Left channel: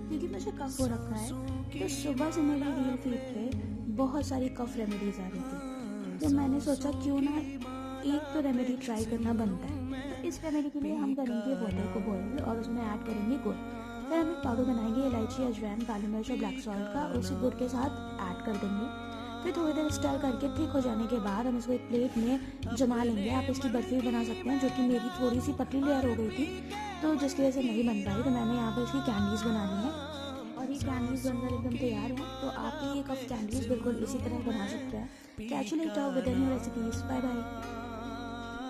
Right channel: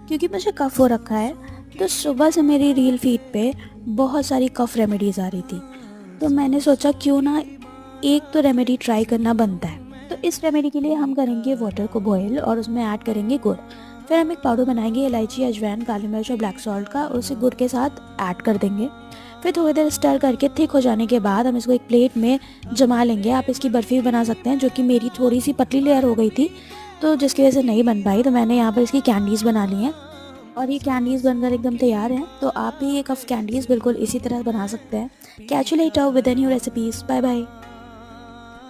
क्योंकि मुझे कफ़ हो रखा है, तो सुबह से मेरी रील फीड पे बहुत सारी कफ़ रेमेडीज़ आ रही थी। तो मैंने सोचा क्यों ना एक तो रेमेडी ट्राई करना बनता है। तो इस रेमेडी के लिए हम करेंगे वाटर को बॉयल और उसमें ऐड करेंगे गुड़। फिर हम एक पाउडर बनाएँगे इलायची, अजवाइन, काली मिर्च और ब्लैक सॉल्ट का और उसे गुड़ के साथ ऐड कर देंगे। फिर थोड़ी देर स्टर करके थिक हो जाने के बाद हम इसको एक प्लेट में जमा लेंगे। आप इसकी बर्फ़ी भी बना सकते हैं, जो कि मेरी थोड़ी-सी पतली लेयर हो गई थी, तो जिसकी वजह से नहीं बन पाई, तो मैंने यहाँ पर इसकी कैंडीज़ बना ली हैं। और ये कैंडीज़ बनकर एकदम तैयार हैं, तो आप भी ये कफ कैंडीज़ बिल्कुल इसी तरह बना सकते हैं। Catch you later with a new recipes. Bye bye.